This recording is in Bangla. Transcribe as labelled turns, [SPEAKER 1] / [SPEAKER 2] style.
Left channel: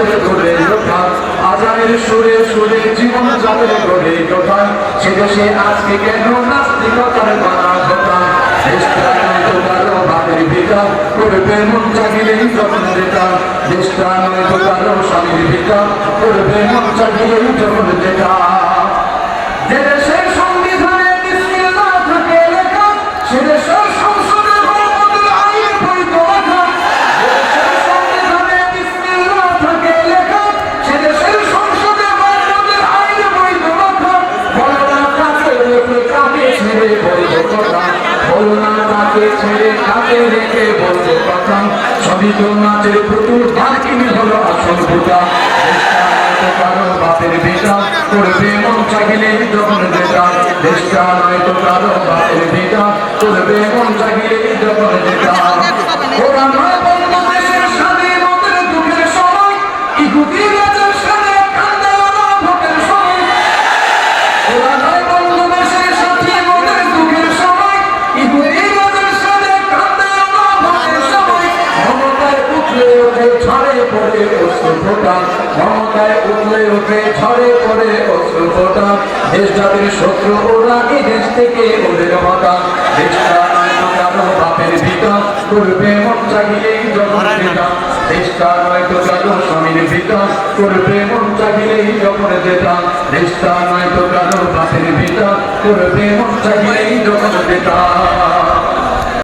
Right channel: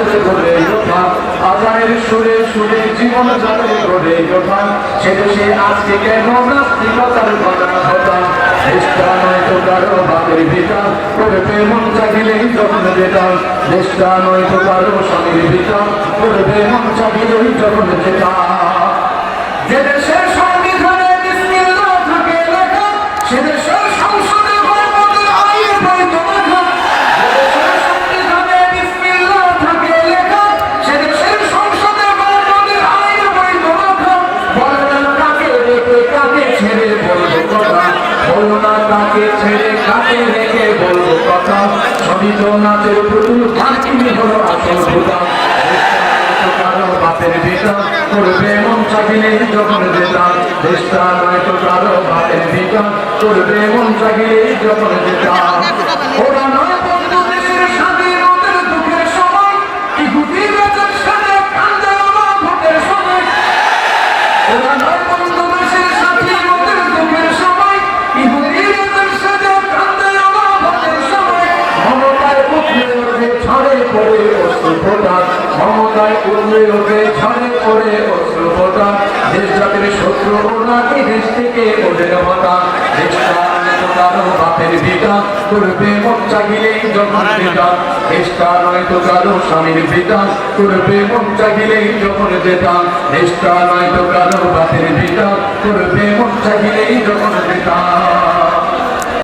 [SPEAKER 1] যাদের ওঠা আজানের সুরে সুরে জীবন করে সে দেশে আজকে কেন নাস্তিকতার চেষ্টা নয় তো কারও যখন নয় কারও স্বামীর পিতা করবে মন চাহিলেই যখন যেটা কাকে ছেড়ে কাকে রেখে বলব কথা। সবই তো নাচের পুতুল বাকি হলো আসল পূজা কারও বাপের বেটা করবে মন নয় তো কারও বাপের বেটা করবে মন চাহিলে যখন যেটা ওরা ওরা নয় ফোটা মমতায় উঠলে উঠে ঝড়ে পড়ে অশ্রু ফোটা। দেশ জাতির শত্রু ওরা এই দেশ থেকে ওদের হতা দেশটা কারও বাপের ভিটা করবে মন চাহিলেই যখন যেটা দেশটা নয় তো কারও স্বামীর ভিটা করবে মন চাহিলেই যখন যেটা দেশটা নয় তো কারও বাপের ভিটা করবে মন চাহিলেই যখন যেটা